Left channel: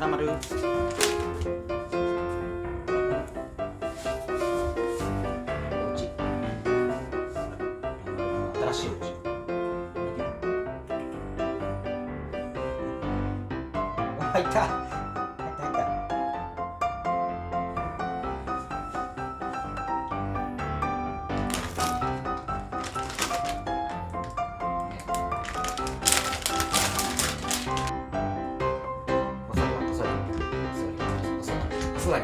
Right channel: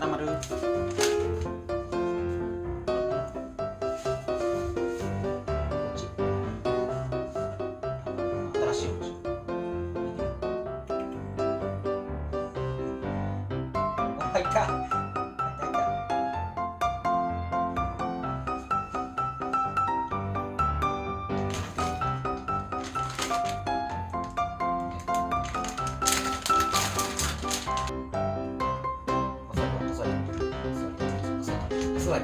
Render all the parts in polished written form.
らまる。新しいお家。入った。座り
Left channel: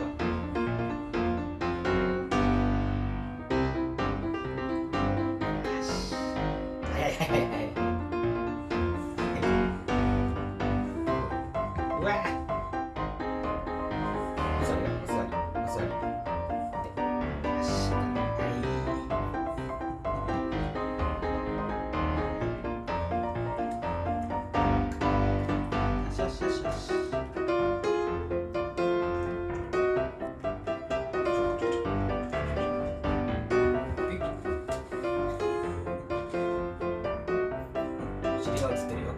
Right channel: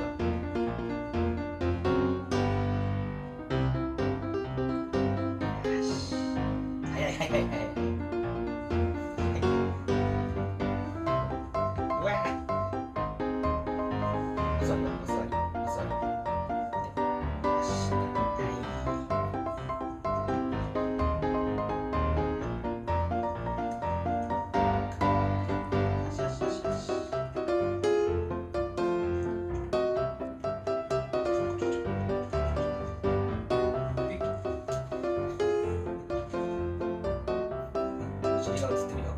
よ。早い。うわお座り。よし。尻が映ってるよ。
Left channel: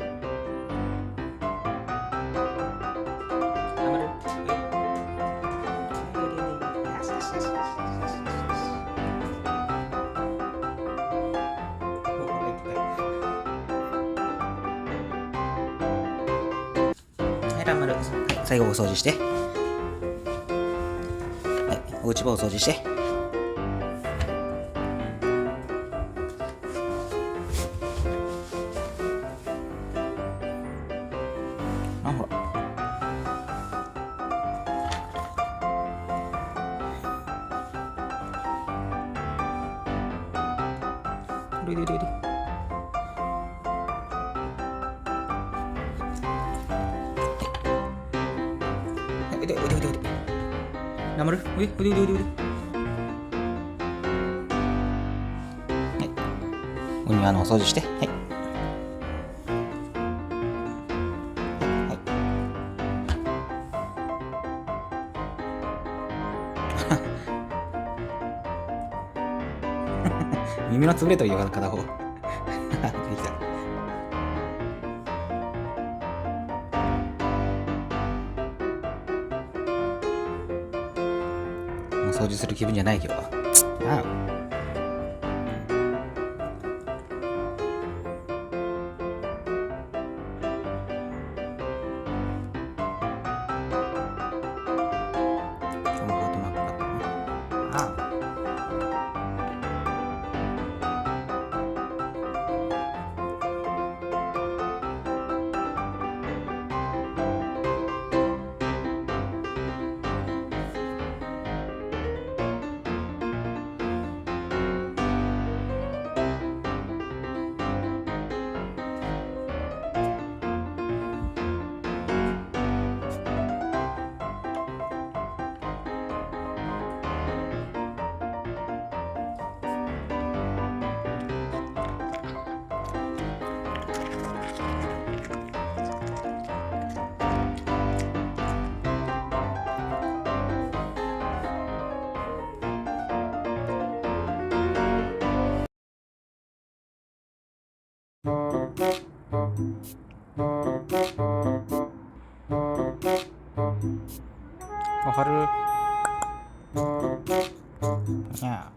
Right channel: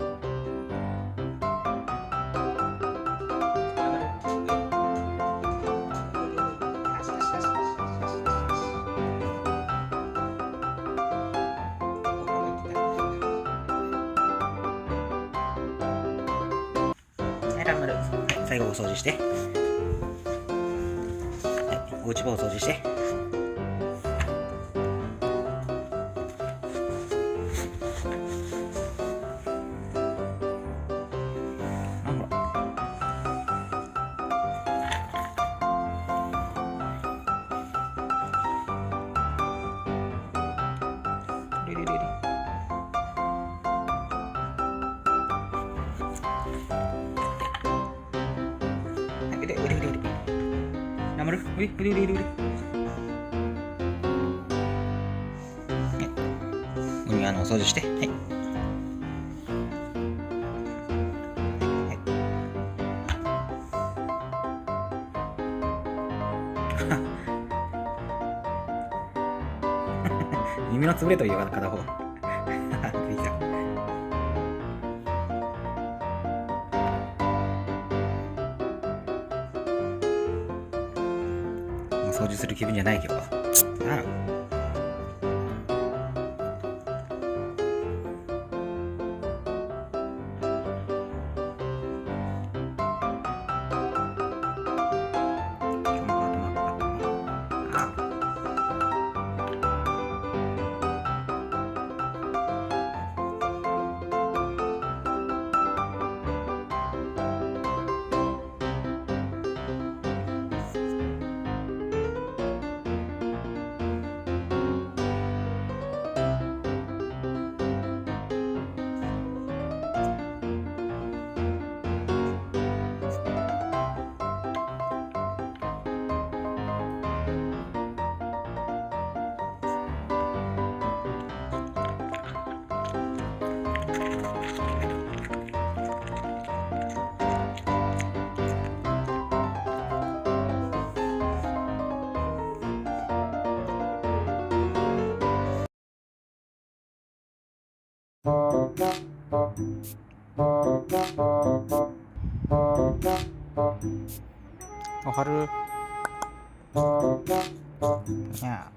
はい、ランマル。はい、最後お掃除して。はい、お家場を掃除して。あ、ほら。はい、腕。なまる。腕。はい。お庭のお掃除して。はい。耳の潰れとるよ、片方。出てきた。もう掃除する気分じゃない、今日は。ああ。今日もハートマークかかったね。ああ。おはる。にゃ